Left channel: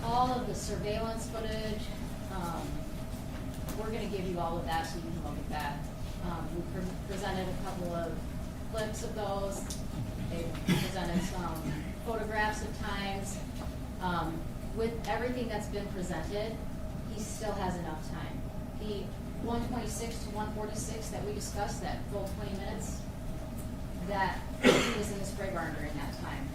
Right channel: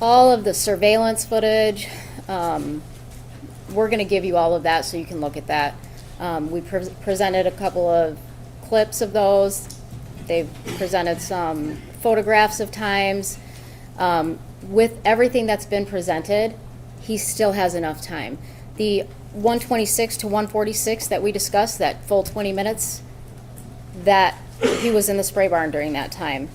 all of the surveillance footage. We're going to give you all of that so you can look at that. We presented a couple of clips of those. They've presented some photographs of times. With everything that's been presented, he still has enough time. The 126 to 146 that we discussed, that full 20 minutes, that he was in the spray barn during that time.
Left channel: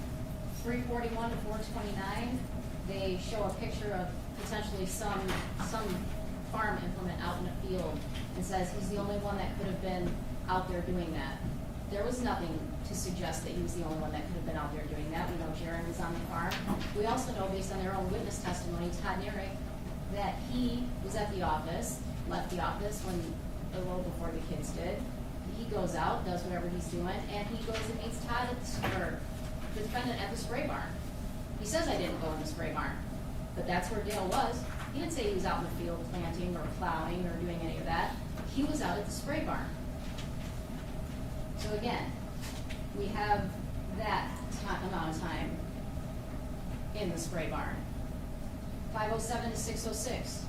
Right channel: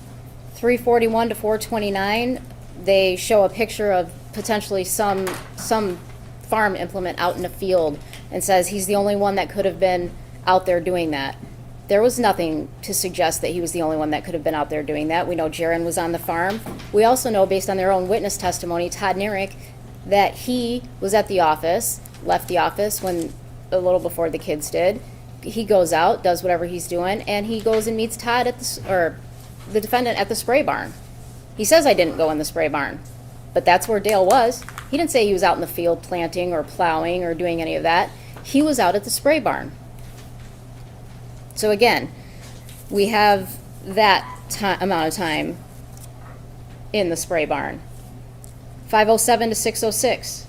341 to 429, they show a picture of potentially some farm implement out in a field and says he's the only one that could have been out there doing that. There was nothing to suggest that he was the only one that could have been out there doing that. We know Jaron was on the farm. We also know, based on their own witness testimony, Todd Nierick, that he was at the office, left the office when a little before the kids did. He goes out, does whatever he's doing, and he goes and meets Todd at the defendant at the spray barn. He says, I didn't go in the spray barn, but that's where Dale was. He didn't say he was out in the field planting or plowing or doing any of that. He was out at the spray barn. So again, we have that amount of time in the spray barn. 5:07 to 6:06.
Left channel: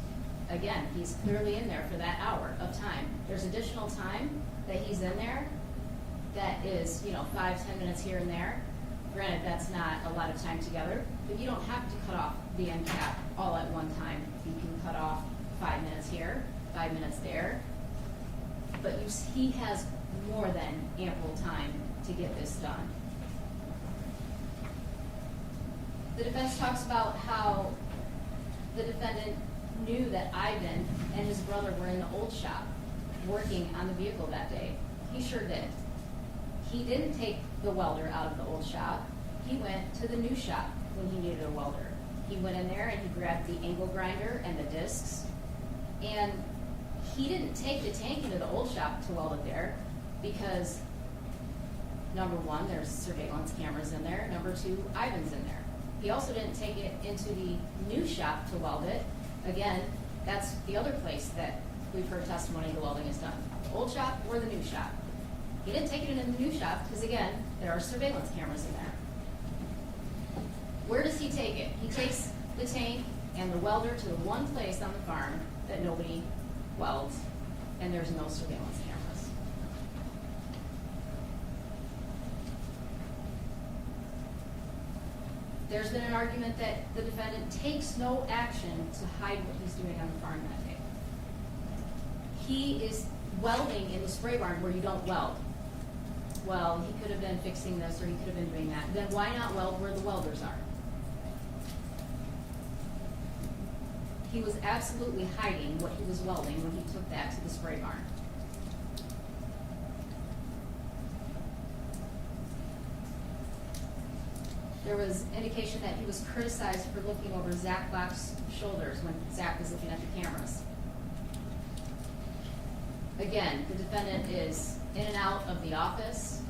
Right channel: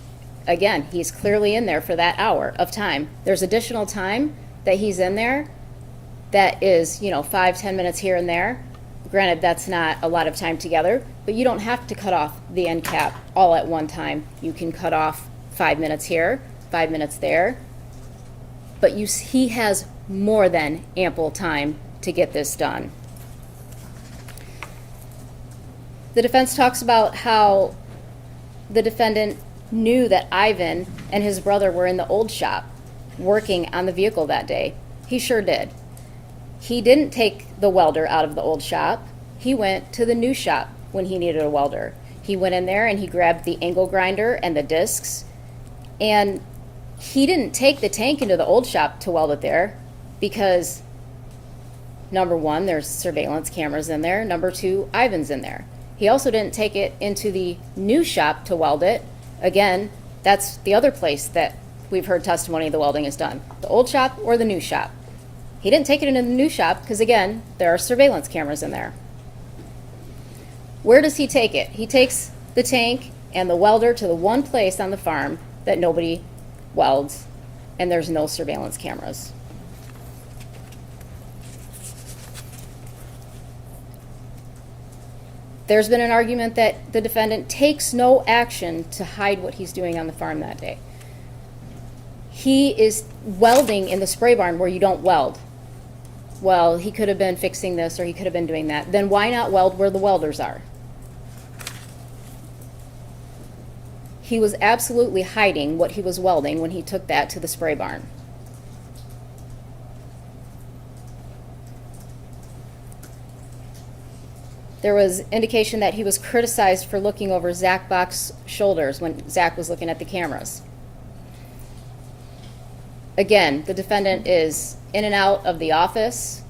Again, he's clearly in there for that hour of time. There's additional time that he's in there that is, 5-10 minutes here and there. Granted, that's not a lot of time together, but you don't have to cut off the end cap all at one time. You can cut off 5 minutes here, 5 minutes there, but he has more than ample time to get this done. The defense talks about how the defendant knew that Ivan and his brother were in the old shop working on the vehicle that day. He sure did. He didn't take the welder out of the old shop. He went to the new shop when he needed a welder. He went in there and he grabbed the angle grinder and the discs, and he didn't take the tank into the old shop to weld it there because, number one, there's surveillance cameras in there. Number two, Ivan's in there. He also didn't take it into the new shop to weld it. Again, that's the other place that we've heard testimony the welding is done, the old shop or the new shop. He didn't take it into the new shop because, again, there are surveillance cameras in there. Where does he take it? He takes the tank and the welder to the one place on the farm that nobody welds, and there's no surveillance cameras. There's been an argument that the defendant takes no action to hide what he's doing on the farm that day. He is welding in the spray barn where you don't weld. Well, he could have been fixing this or he could have been doing that. Then why not weld where the welders are? He was absolutely hiding what he was welding when he took that to the spray barn. There was indication that he was criticized for looking over Zach Bach's shoulders when Zach was looking at the cameras. Again, the defendant is in and out of the office,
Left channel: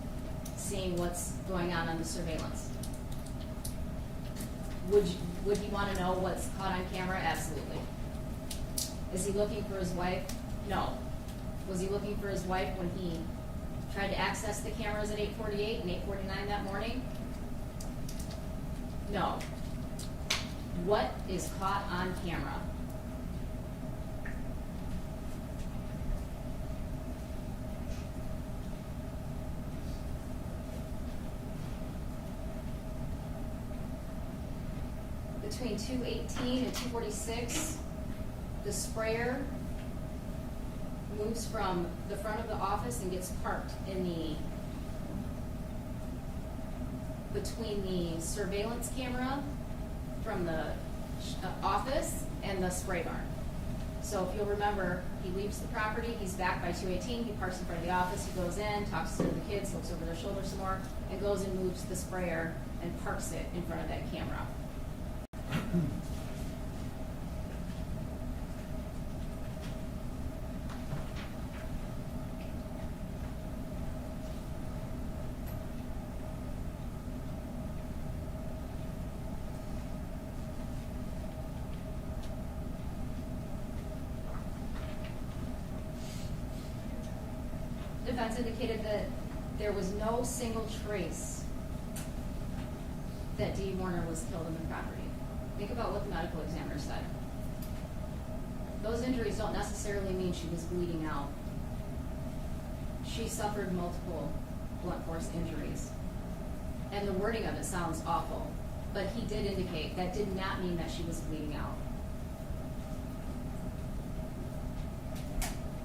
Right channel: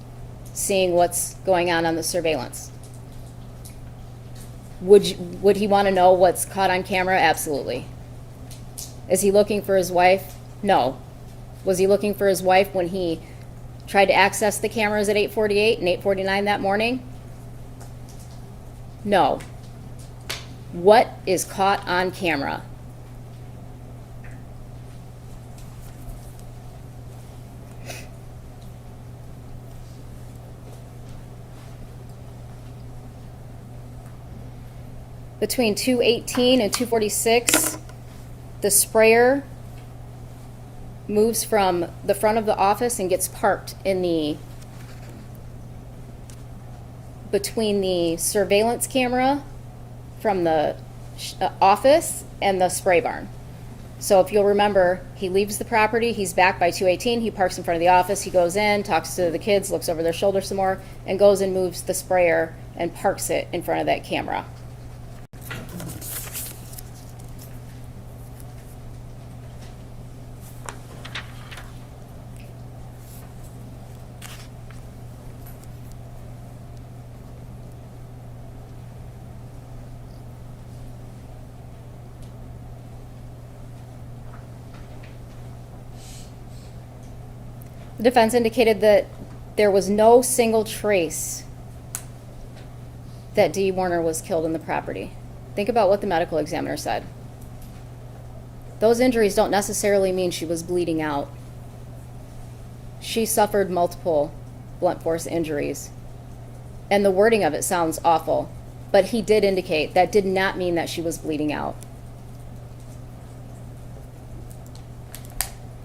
seeing what's going on the surveillance. Would he want to know what's caught on camera? Absolutely. Is he looking for his wife? No. Was he looking for his wife when he tried to access the cameras at 8:48 and 8:49 that morning? No. What is caught on camera? Between 2:18 and 2:46, the sprayer moves from the front of the office and gets parked in between the surveillance camera from the office and the spray barn. So if you'll remember, he leaves the property, he's back by 2:18, he parks in front of the office, he goes in, talks to the kids, looks over their shoulder some more, and goes and moves the sprayer and parks it in front of that camera. The defense indicated that there was no single trace that Dee Warner was killed in the property. Think about what the medical examiner said. Those injuries don't necessarily mean she was bleeding out. She suffered multiple blunt force injuries. And the wording of it sounds awful, but he did indicate that did not mean that she was bleeding out.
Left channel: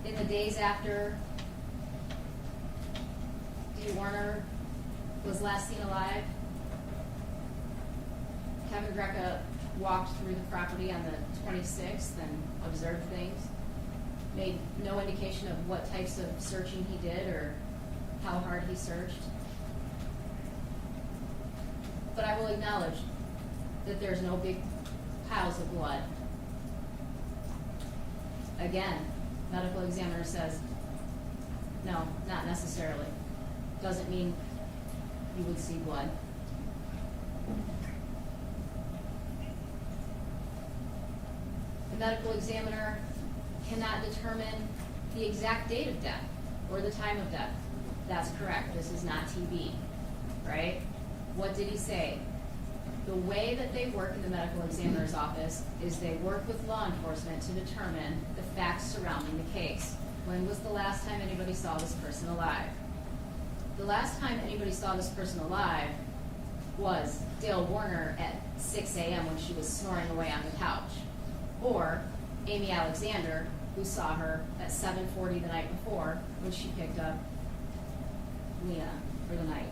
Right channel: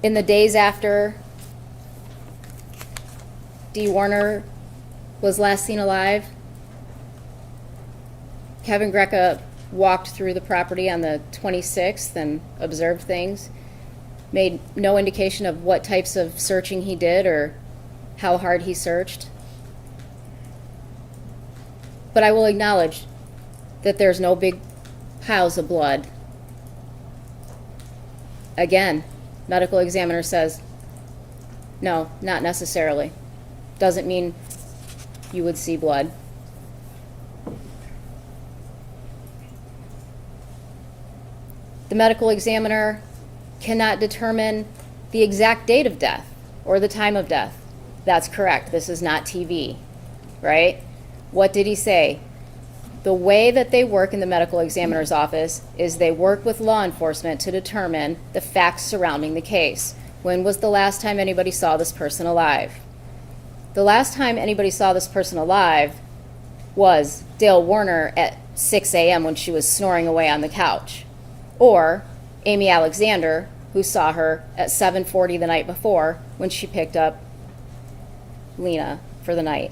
In the days after Dee Warner was last seen alive, Kevin Greca walked through the property on the 26th and observed things, made no indication of what types of searching he did or how hard he searched. But I will acknowledge that there's no big piles of blood. Again, medical examiner says, no, not necessarily. Doesn't mean you would see blood. The medical examiner cannot determine the exact date of death or the time of death. That's correct. This is not TV, right? What did he say? The way that they work in the medical examiner's office is they work with law enforcement to determine the facts surrounding the case. When was the last time anybody saw this person alive? The last time anybody saw this person alive was Dale Warner at 6 a.m. when she was snoring away on the couch. Or Amy Alexander, who saw her at 7:40 the night before when she picked up Lena for the night.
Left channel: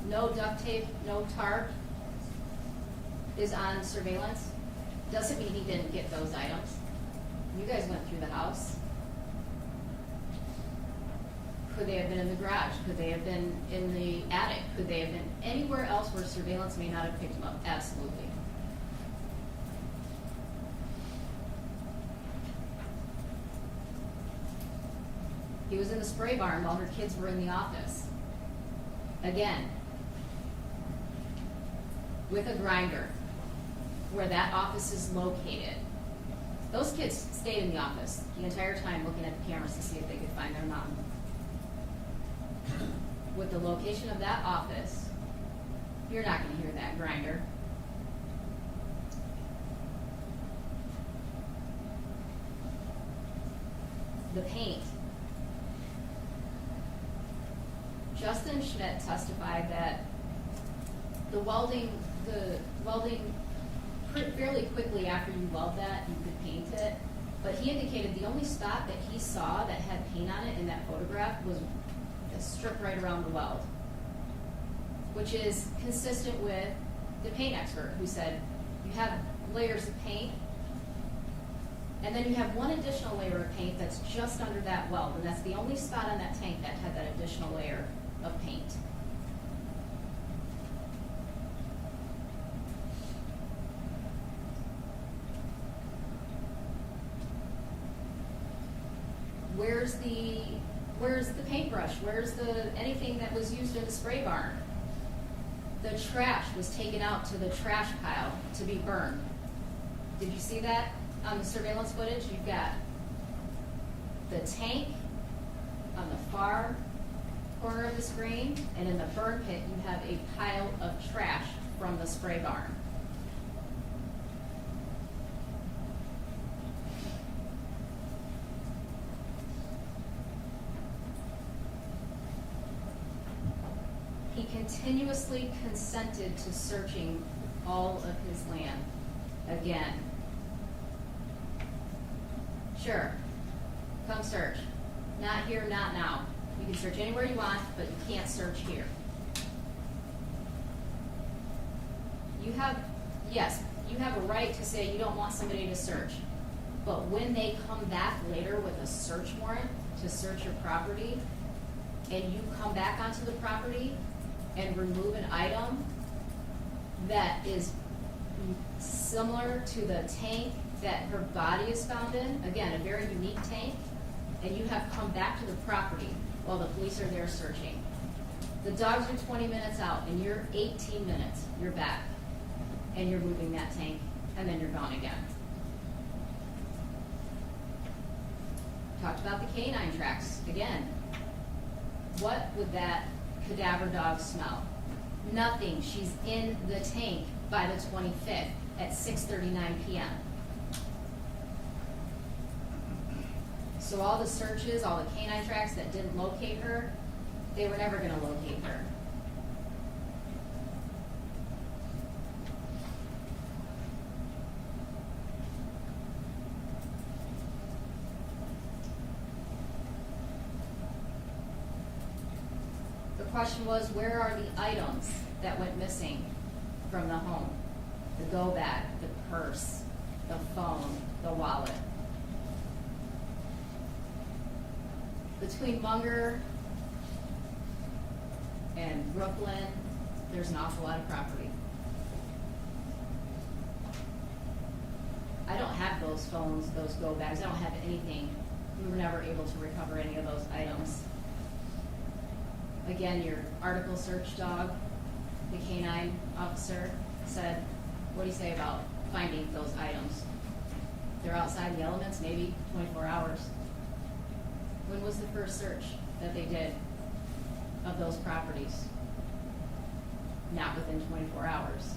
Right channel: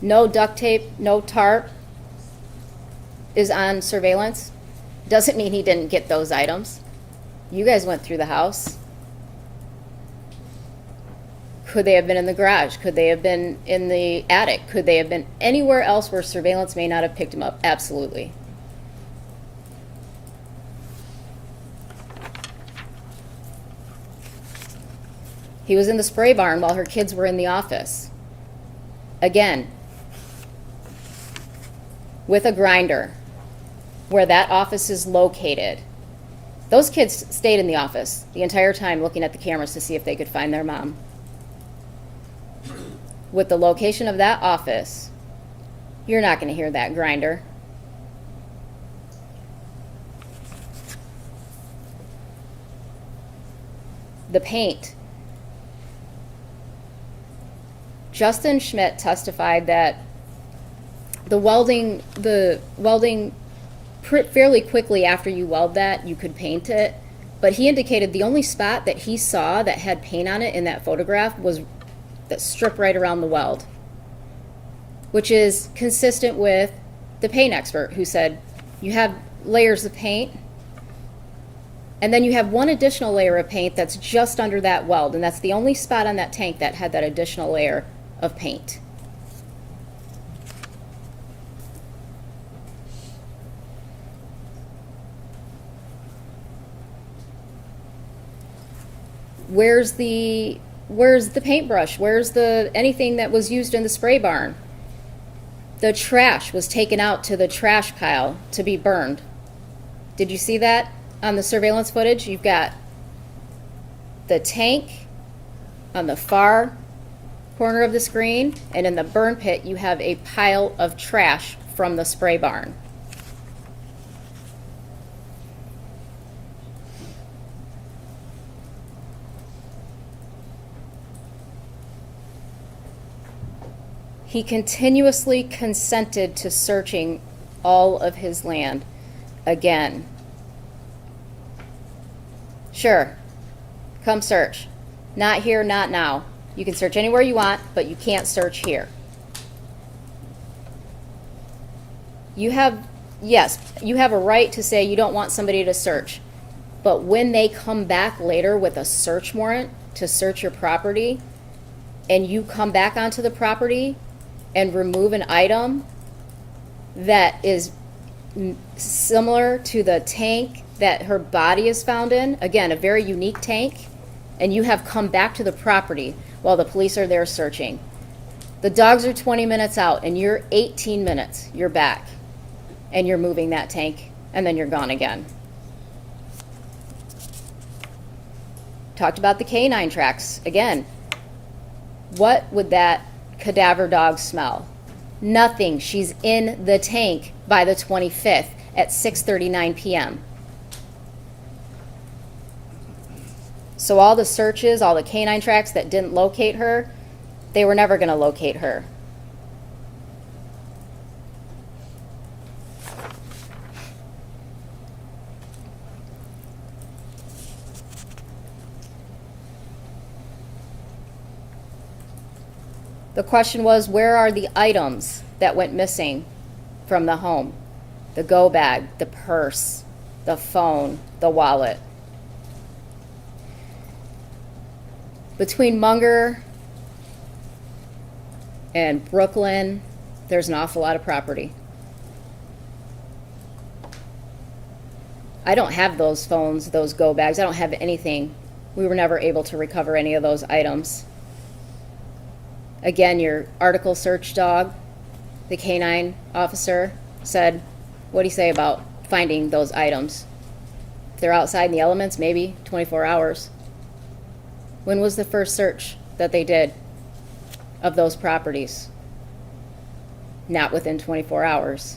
No duct tape, no tarp is on surveillance. Doesn't mean he didn't get those items. You guys went through the house. Could they have been in the garage? Could they have been in the attic? Could they have been anywhere else where surveillance may not have picked him up? Absolutely. He was in the spray barn while her kids were in the office. Again, with a grinder, where that office is located. Those kids stayed in the office the entire time looking at the cameras to see if they could find their mom. With the location of that office, you're not going to hear that grinder. The paint. Justin Schmidt testified that the welding fairly quickly after you weld that, you could paint it. But he indicated the only spot that he saw that had paint on it in that photograph was that strip right around the weld, which is consistent with the paint expert who said you have layers of paint and then you have one additional layer of paint that's just under that weld, and that's the only spot on that tank that had that additional layer of paint. Where's the paintbrush? Where's anything that was used in the spray barn? The trash was taken out to the trash pile to be burned. Did you see that on the surveillance footage? You've got the tank on the far corner of the screen, and in the burn pit you have a pile of trash from the spray barn. He continuously consented to searching all of his land again. Sure, come search. Not here, not now. You can search anywhere you want, but you can't search here. You have a right to say you don't want somebody to search. But when they come back later with a search warrant to search your property, and you come back onto the property and remove an item that is similar to the tank that her body is found in, again, a very unique tank, and you have come back to the property while the police are there searching. The dogs are 20 minutes out, and you're 18 minutes, you're back, and you're moving that tank, and then you're gone again. Talked about the canine tracks. Again, what would that cadaver dog smell? Nothing. She's in the tank by the 25th at 6:39 p.m. So all the searches, all the canine tracks that didn't locate her, they were never going to locate her. The question was, where are the items that went missing from the home? The go bag, the purse, the phone, the wallet. Between Munger and Brooklyn, there's an awful lot of property. I don't have those phones, those go bags. I don't have anything. We were never able to recover any of those items. Again, your article search dog, the canine officer, said, what do you say about finding those items? If they're outside in the elements, maybe 24 hours. When was the first search that they did of those properties? Not within 24 hours.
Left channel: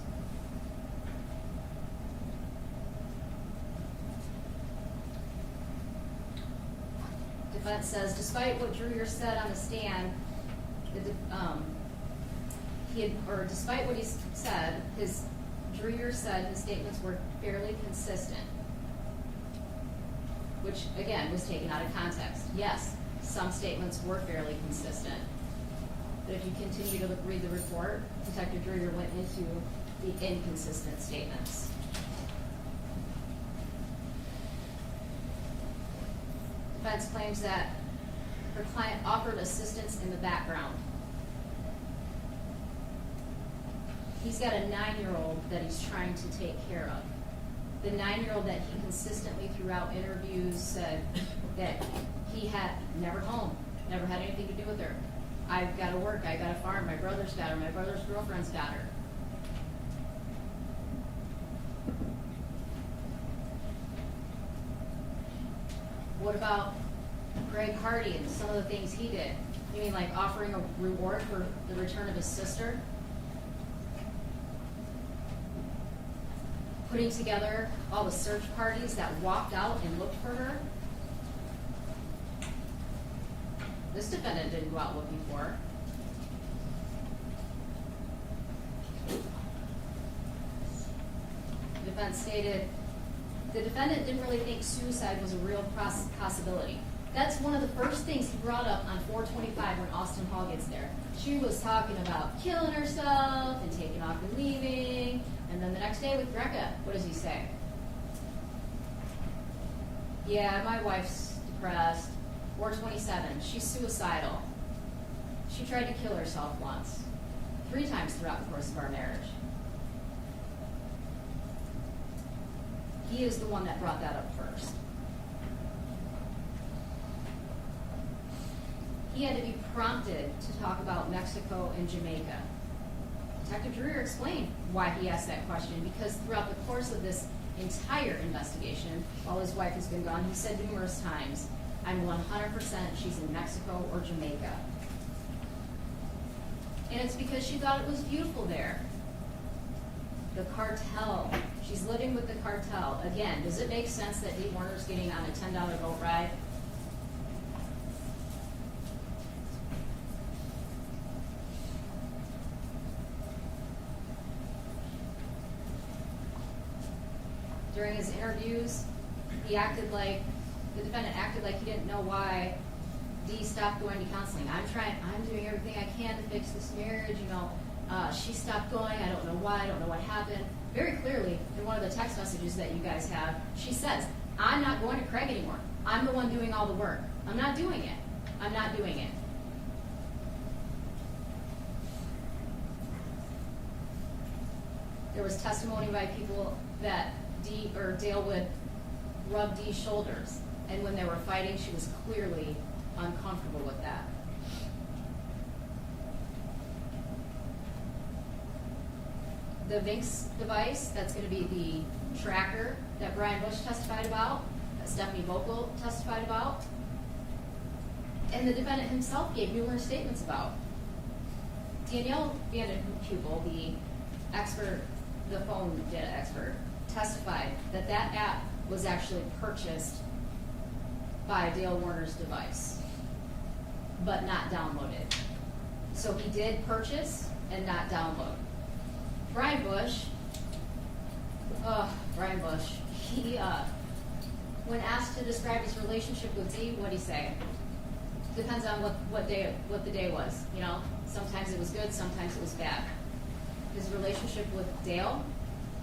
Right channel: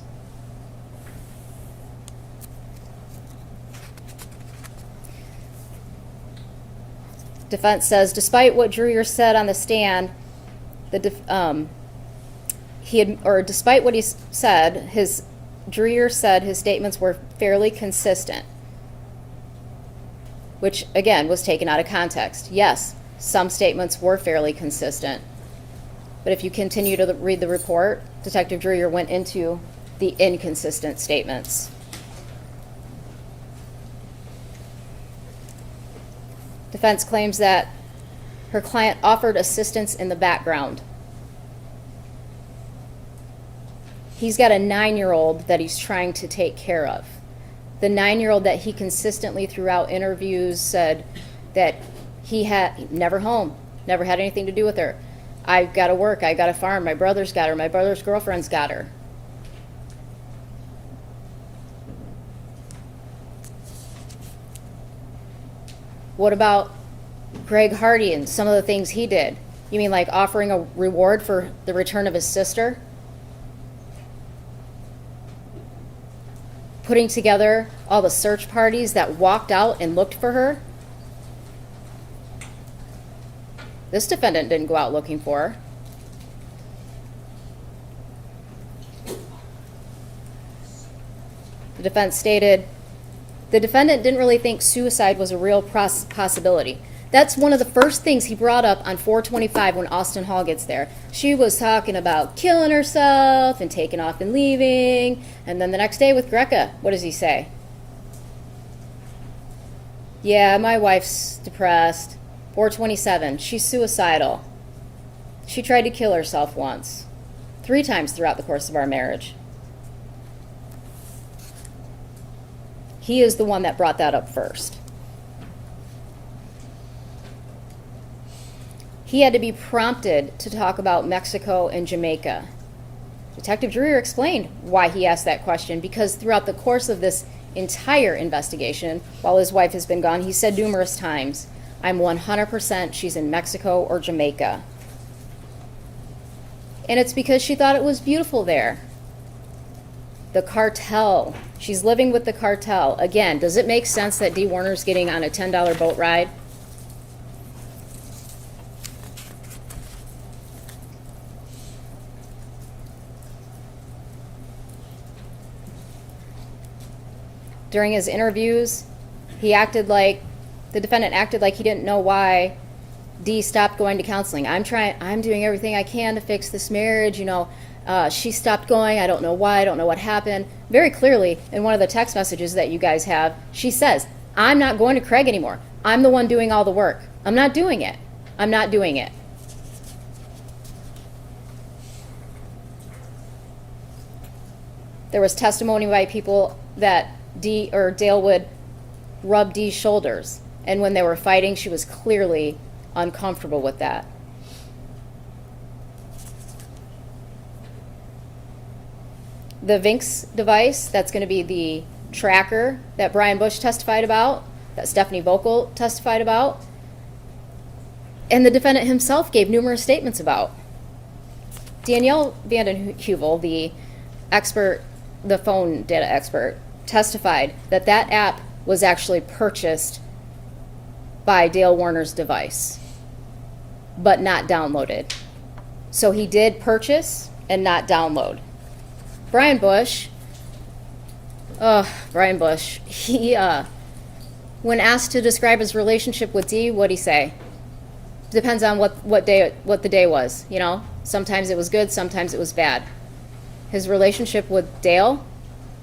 Defense says, despite what Dreyer said on the stand, despite what he said, Dreyer said his statements were fairly consistent, which again was taken out of context. Yes, some statements were fairly consistent, but if you continue to read the report, Detective Dreyer went into the inconsistent statements. Defense claims that her client offered assistance in the background. He's got a 9-year-old that he's trying to take care of. The 9-year-old that he consistently throughout interviews said that he had never home, never had anything to do with her. I've got to work, I got to farm, my brother's got her, my brother's girlfriend's got her. What about Greg Hardy and some of the things he did? You mean like offering a reward for the return of his sister? Putting together all the search parties that walked out and looked for her? This defendant didn't go out looking for her. The defense stated, the defendant didn't really think suicide was a real possibility. That's one of the first things he brought up on 425 when Austin Hall gets there. She was talking about killing herself and taking off and leaving. And then the next day with Greca, what does he say? Yeah, my wife's depressed. 427, she's suicidal. She tried to kill herself once. 3 times throughout the course of our marriage. He is the one that brought that up first. He had to be prompted to talk about Mexico and Jamaica. Detective Dreyer explained why he asked that question, because throughout the course of this entire investigation, while his wife has been gone, he said numerous times, I'm 100% she's in Mexico or Jamaica. And it's because she thought it was beautiful there. The cartel. She's living with the cartel. Again, does it make sense that Dee Warner's getting on a $10 boat ride? During his interviews, the defendant acted like he didn't know why Dee stopped going to counseling. I'm doing everything I can to fix this marriage, she stopped going, I don't know why, I don't know what happened. Very clearly, in one of the text messages that you guys have, she says, I'm not going to Craig anymore. I'm the one doing all the work. I'm not doing it. I'm not doing it. There was testimony by people that Dale would rub Dee's shoulders, and when they were fighting, she was clearly uncomfortable with that. The Vinx device, that's going to be the tracker that Brian Bush testified about, that Stephanie Vocal testified about, and the defendant himself gave numerous statements about. Danielle Vanden Heuvel, the expert, the phone data expert, testified that that app was actually purchased by Dale Warner's device, but not downloaded. So he did purchase and not download. Brian Bush, he, when asked to describe his relationship with Dee, what'd he say? Depends on what the day was, you know? Sometimes it was good, sometimes it was bad. His relationship with Dale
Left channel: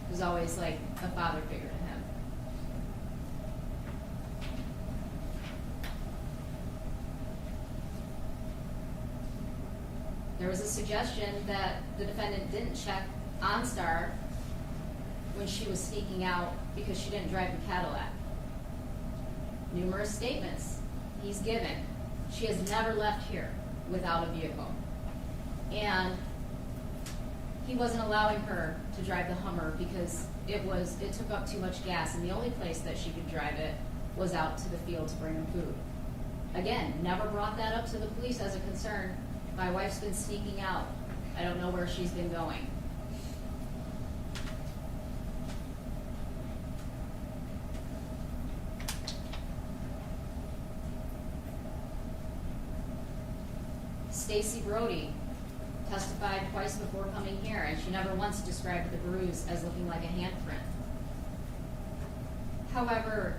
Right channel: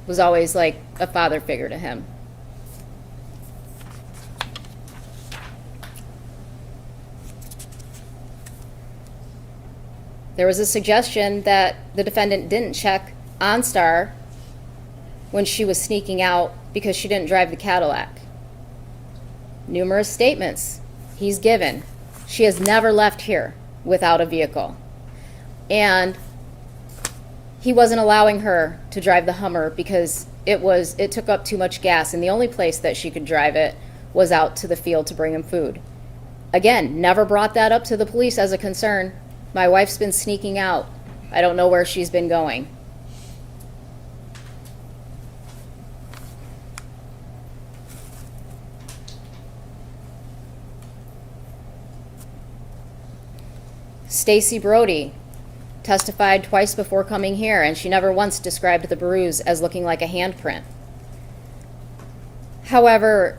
was always like a father figure to him. There was a suggestion that the defendant didn't check OnStar when she was sneaking out because she didn't drive the Cadillac. Numerous statements he's given. She has never left here without a vehicle. And he wasn't allowing her to drive the Hummer because it took up too much gas, and the only place that she could drive it was out to the field to bring him food. Again, never brought that up to the police as a concern. My wife's been sneaking out. I don't know where she's been going. Stacy Brody testified twice before coming here, and she never once described the bruise as looking like a handprint. However,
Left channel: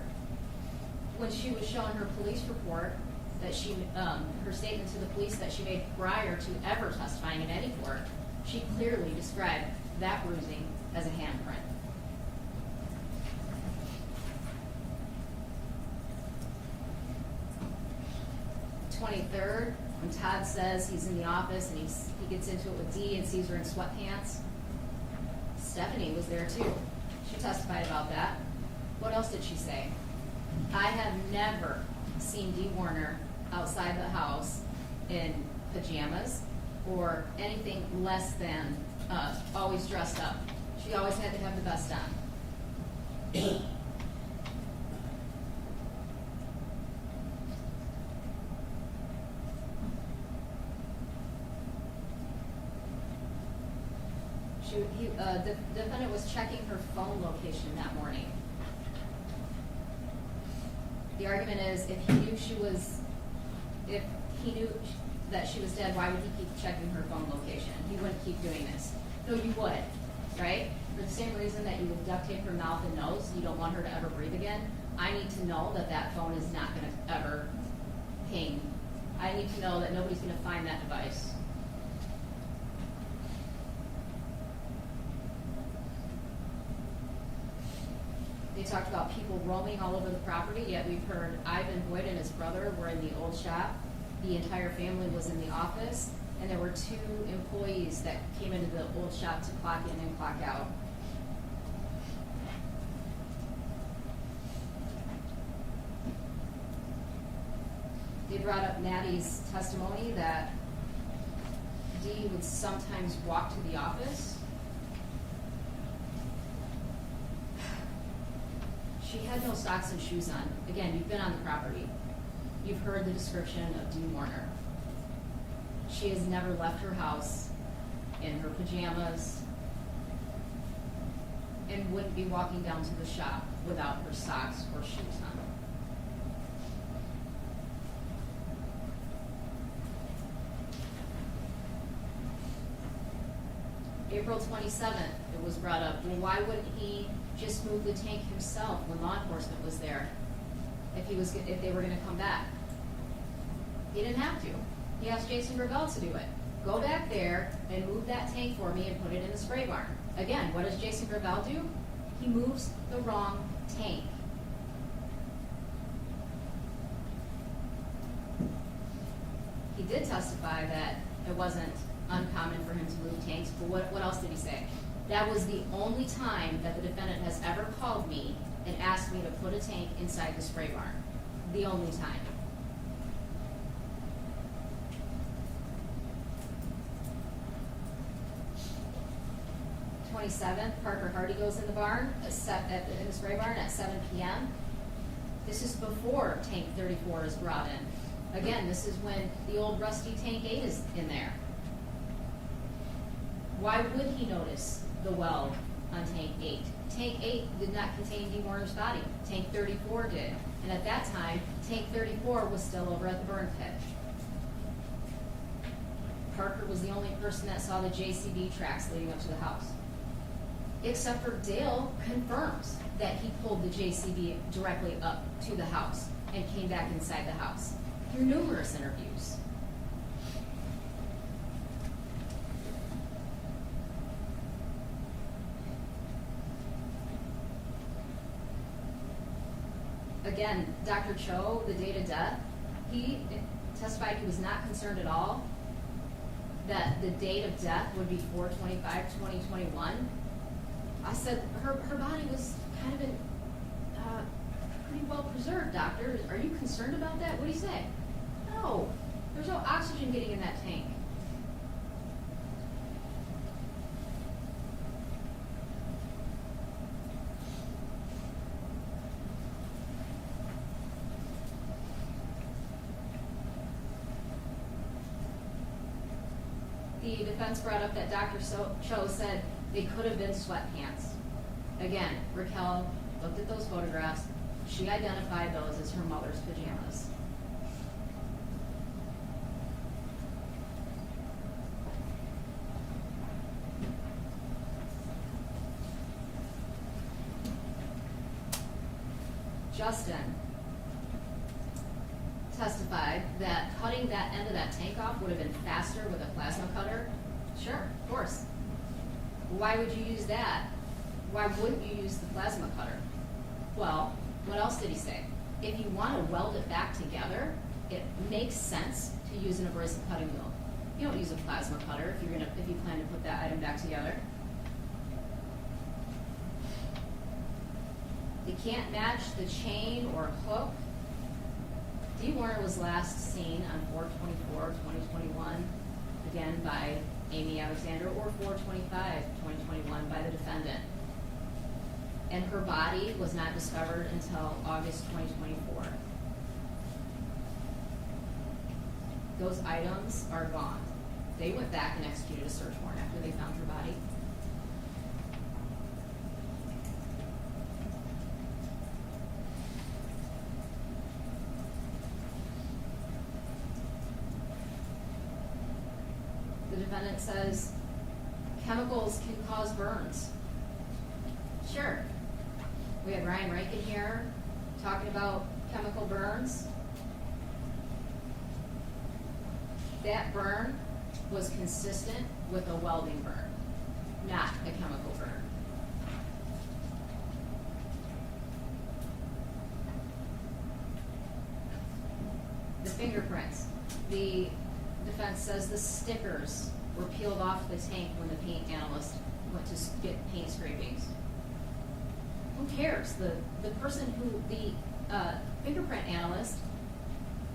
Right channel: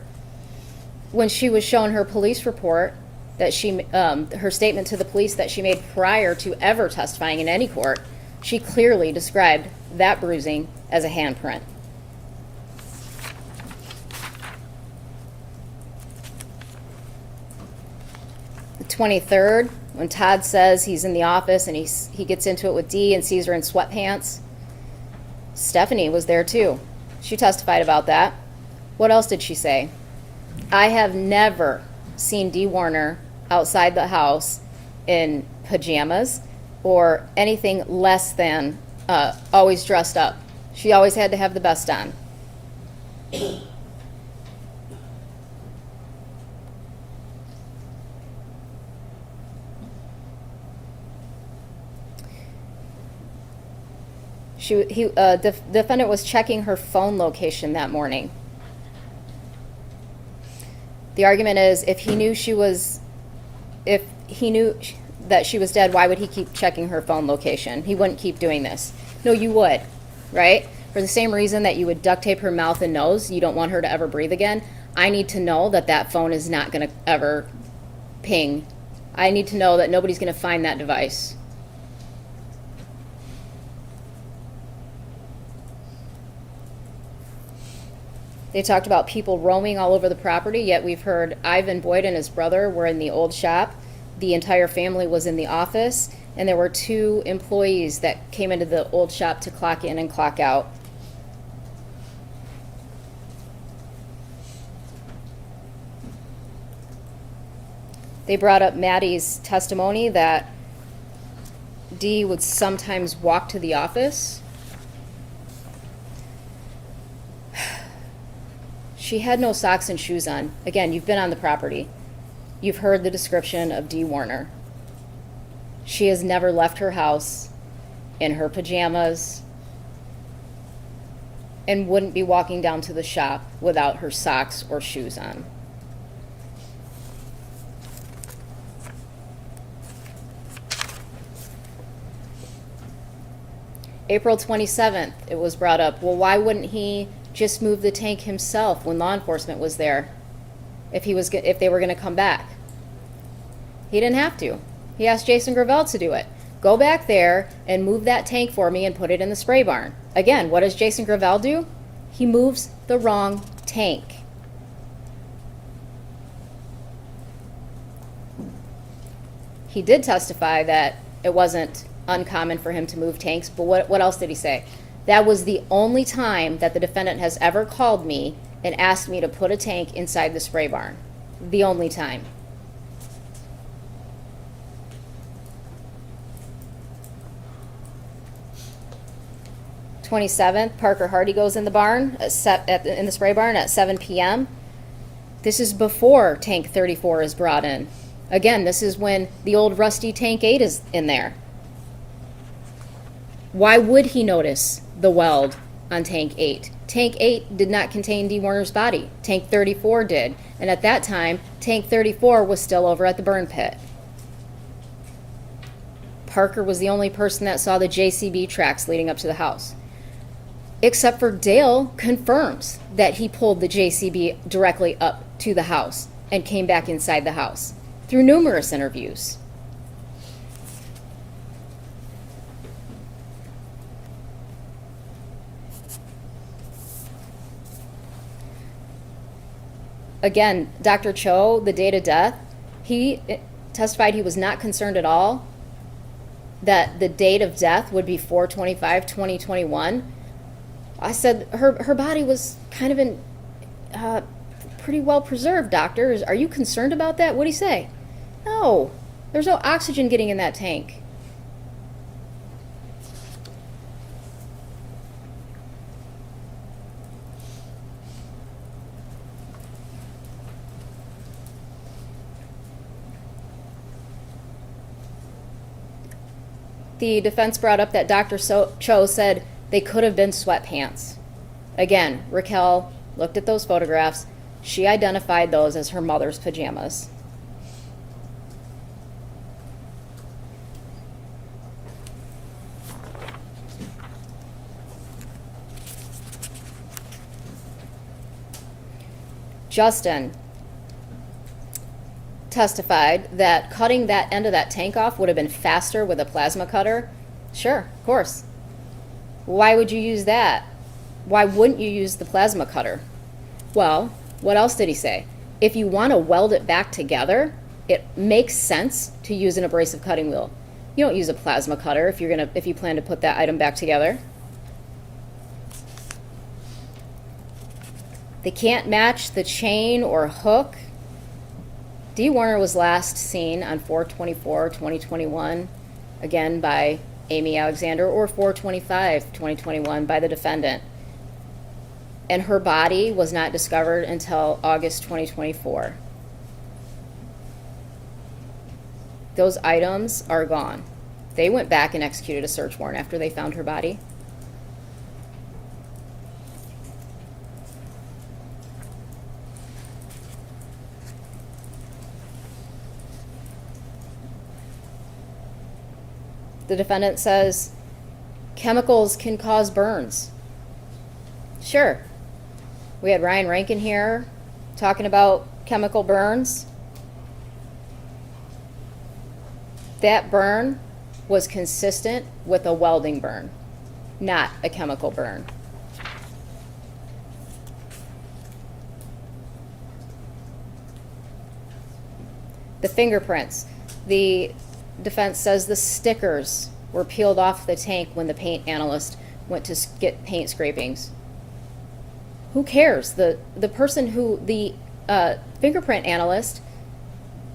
when she was shown her police report, that her statement to the police that she made prior to ever testifying in any court, she clearly described that bruising as a handprint. The 23rd, when Todd says he's in the office and he gets into it with Dee and sees her in sweatpants, Stephanie was there too. She testified about that. What else did she say? I have never seen Dee Warner outside the house in pajamas or anything less than always dressed up. She always had to have the best on. The defendant was checking her phone location that morning. The argument is, if he knew that she was dead, why would he keep checking her phone location? He wouldn't keep doing this. No, you would, right? For the same reason that you would duct tape her mouth and nose, you don't want her to ever breathe again. I need to know that that phone is not going to ever ping. I need to know that nobody's going to find that device. They talked about people roaming all over the property, yet we've heard Ivan Boyd and his brother were in the old shop. The entire family was in the office, and there were 2 employees that came into the old shop to clock in and clock out. They brought up Maddie's testimony that Dee would sometimes walk to the office. She had no socks and shoes on. Again, you've been on the property. You've heard the description of Dee Warner. She has never left her house in her pajamas and wouldn't be walking down to the shop without her socks or shoes on. April 27th, it was brought up, well, why wouldn't he just move the tank himself when law enforcement was there if they were going to come back? He didn't have to. He asked Jason Gravel to do it. Go back there and move that tank for me and put it in the spray barn. Again, what does Jason Gravel do? He moves the wrong tank. He did testify that it wasn't uncommon for him to move tanks, but what else did he say? That was the only time that the defendant has ever called me and asked me to put a tank inside the spray barn. The only time. The 27th, Parker Hardy goes in the barn, in the spray barn at 7 p.m. This is before tank 34 is brought in. Again, this is when the old rusty tank 8 is in there. Why would he notice the weld on tank 8? Tank 8 did not contain Dee Warner's body. Tank 34 did. And at that time, tank 34 was still over at the burn pit. Parker was the only person that saw the JCB tracks leading up to the house. Except for Dale confirms that he pulled the JCB directly up to the house and came back inside the house through numerous interviews. Again, Dr. Cho, the date of death, he testified he was not concerned at all that the date of death would be 4/25/2021. I said, her body was kind of in pretty well preserved, doctor. Are you concerned about that? What'd he say? No, there's no oxygen getting in that tank. The defense brought up that Dr. Cho said they could have been sweatpants. Again, Raquel looked at those photographs. She identified those as her mother's pajamas. Justin testified that cutting that end of that tank off would have been faster with a plasma cutter. Sure, of course. Why would you use that? Why wouldn't you use the plasma cutter? Well, what else did he say? If you want to weld it back together, it makes sense to use an abrasive cutting wheel. You don't use a plasma cutter if you plan to put that item back together. They can't match the chain or hook. Dee Warner was last seen on 4/24/2021, again by Amy Alexander, or 4/25/2021 by the defendant. And her body was not discovered until August 2024. Those items are gone. They went back and executed a search warrant after they found her body. The defendant says chemicals can cause burns. Sure. We had Ryan Rankin here talking about chemical burns. That burn was consistent with a welding burn, not a chemical burn. The fingerprints. The defense says the stickers were peeled off the tank when the paint analyst went to get paint scrapings. Who cares? The person who, the fingerprint analyst,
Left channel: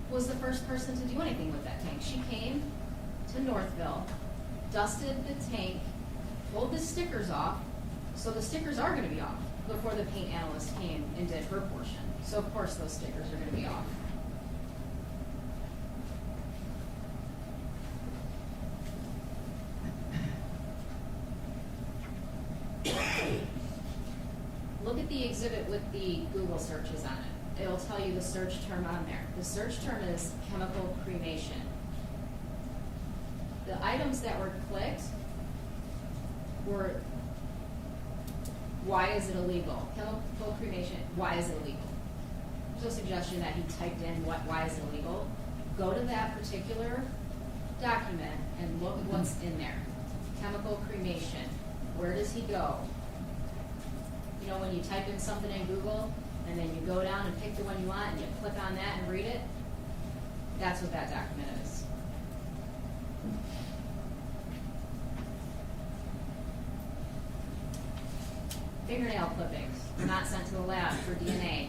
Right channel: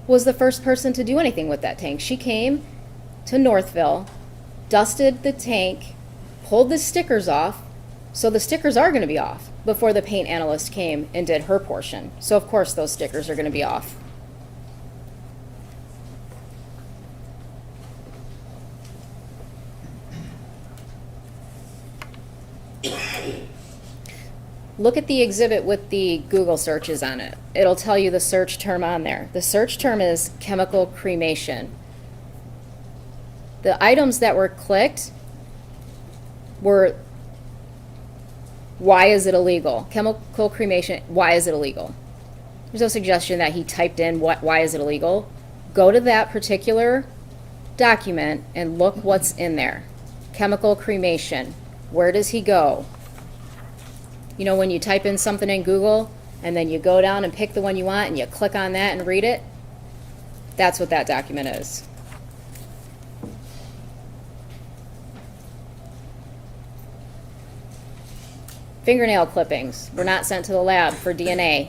was the first person to do anything with that tank. She came to Northville, dusted the tank, pulled the stickers off, so the stickers are going to be off before the paint analyst came and did her portion. So of course those stickers are going to be off. Look at the exhibit with the Google searches on it. It'll tell you the search term on there. The search term is chemical cremation. The items that were clicked were, why is it illegal? Chemical cremation, why is it illegal? There's no suggestion that he typed in why is it illegal. Go to that particular document and look what's in there. Chemical cremation. Where does he go? You know, when you type in something in Google and then you go down and pick the one you want and you click on that and read it, that's what that document is. Fingernail clippings were not sent to the lab for DNA.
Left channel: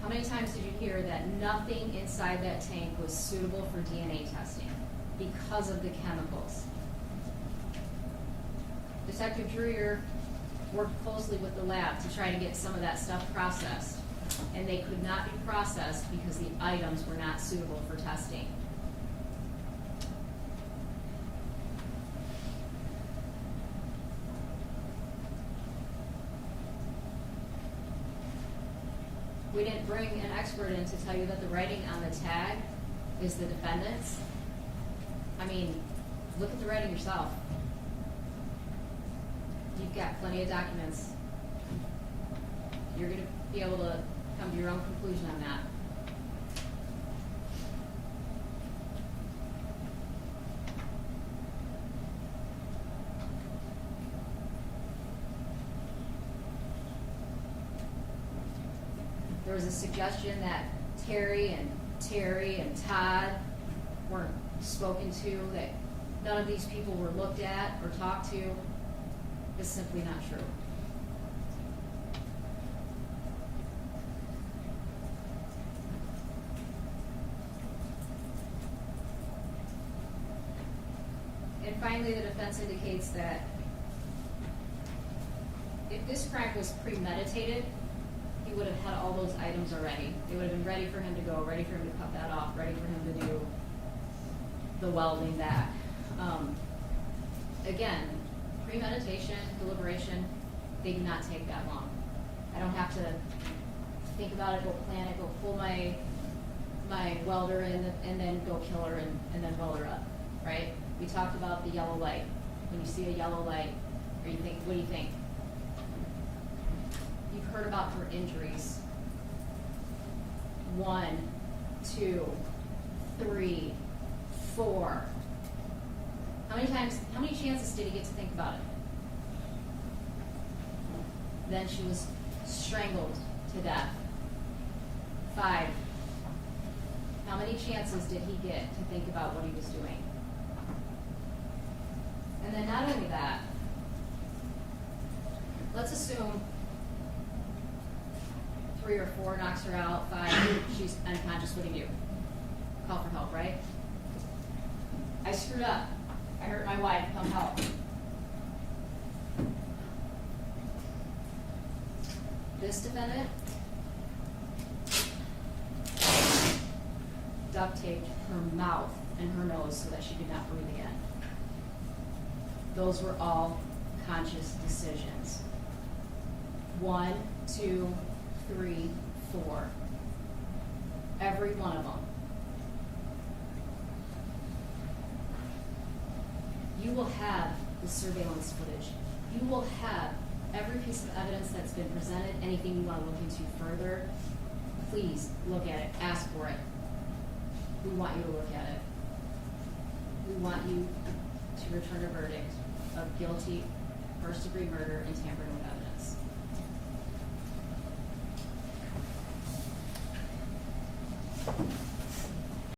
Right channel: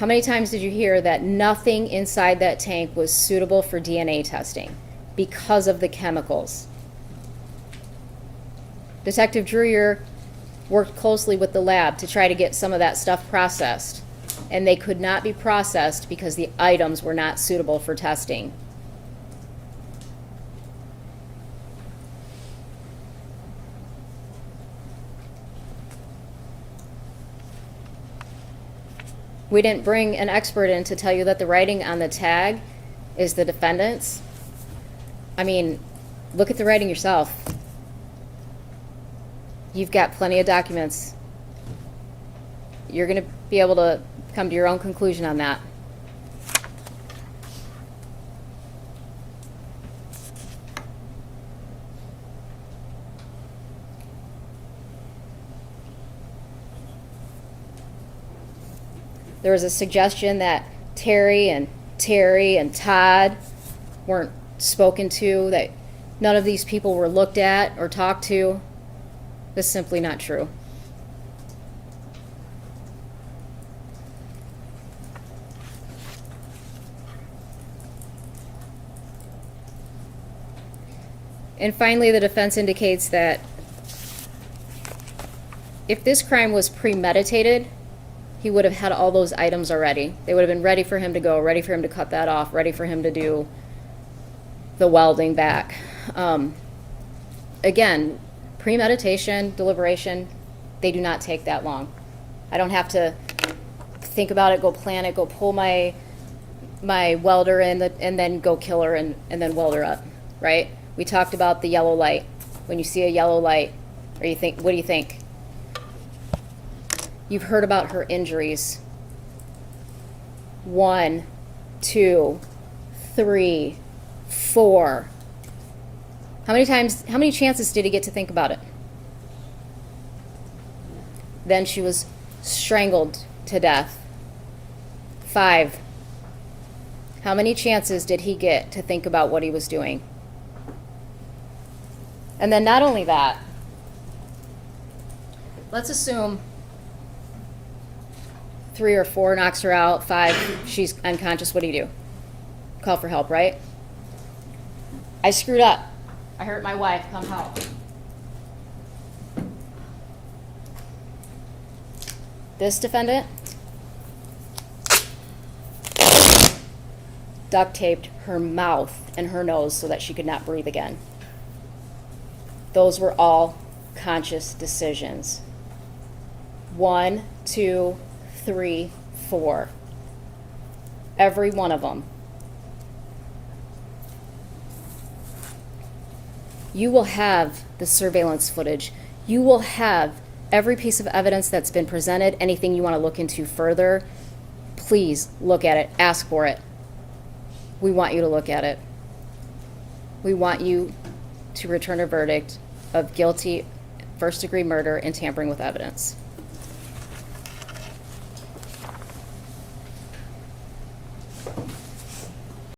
How many times did you hear that nothing inside that tank was suitable for DNA testing because of the chemicals? Detective Dreyer worked closely with the lab to try to get some of that stuff processed, and they could not be processed because the items were not suitable for testing. We didn't bring an expert in to tell you that the writing on the tag is the defendant's. I mean, look at the writing yourself. You've got plenty of documents. You're going to be able to come to your own conclusion on that. There was a suggestion that Terry and Todd weren't spoken to, that none of these people were looked at or talked to. That's simply not true. And finally, the defense indicates that if this crime was premeditated, he would have had all those items already. They would have been ready for him to go, ready for him to cut that off, ready for him to do the welding back. Again, premeditation, deliberation, they do not take that long. I don't have to think about it, go plan it, go pull my welder in, and then go kill her and then weld her up, right? We talked about the yellow light. When you see a yellow light, or you think, what do you think? You've heard about her injuries. 1, 2, 3, 4. How many chances did he get to think about it? Then she was strangled to death. 5. How many chances did he get to think about what he was doing? And then not only that, let's assume 3 or 4 knocks her out, 5, she's unconscious. What do? Call for help, right? I screwed up. I hurt my wife. Come help. This defendant duct taped her mouth and her nose so that she could not breathe again. Those were all conscious decisions. 1, 2, 3, 4. Every one of them. You will have the surveillance footage. You will have every piece of evidence that's been presented. Anything you want to look into further, please look at it. Ask for it. We want you to look at it. We want you to return a verdict of guilty first-degree murder and tampering with evidence.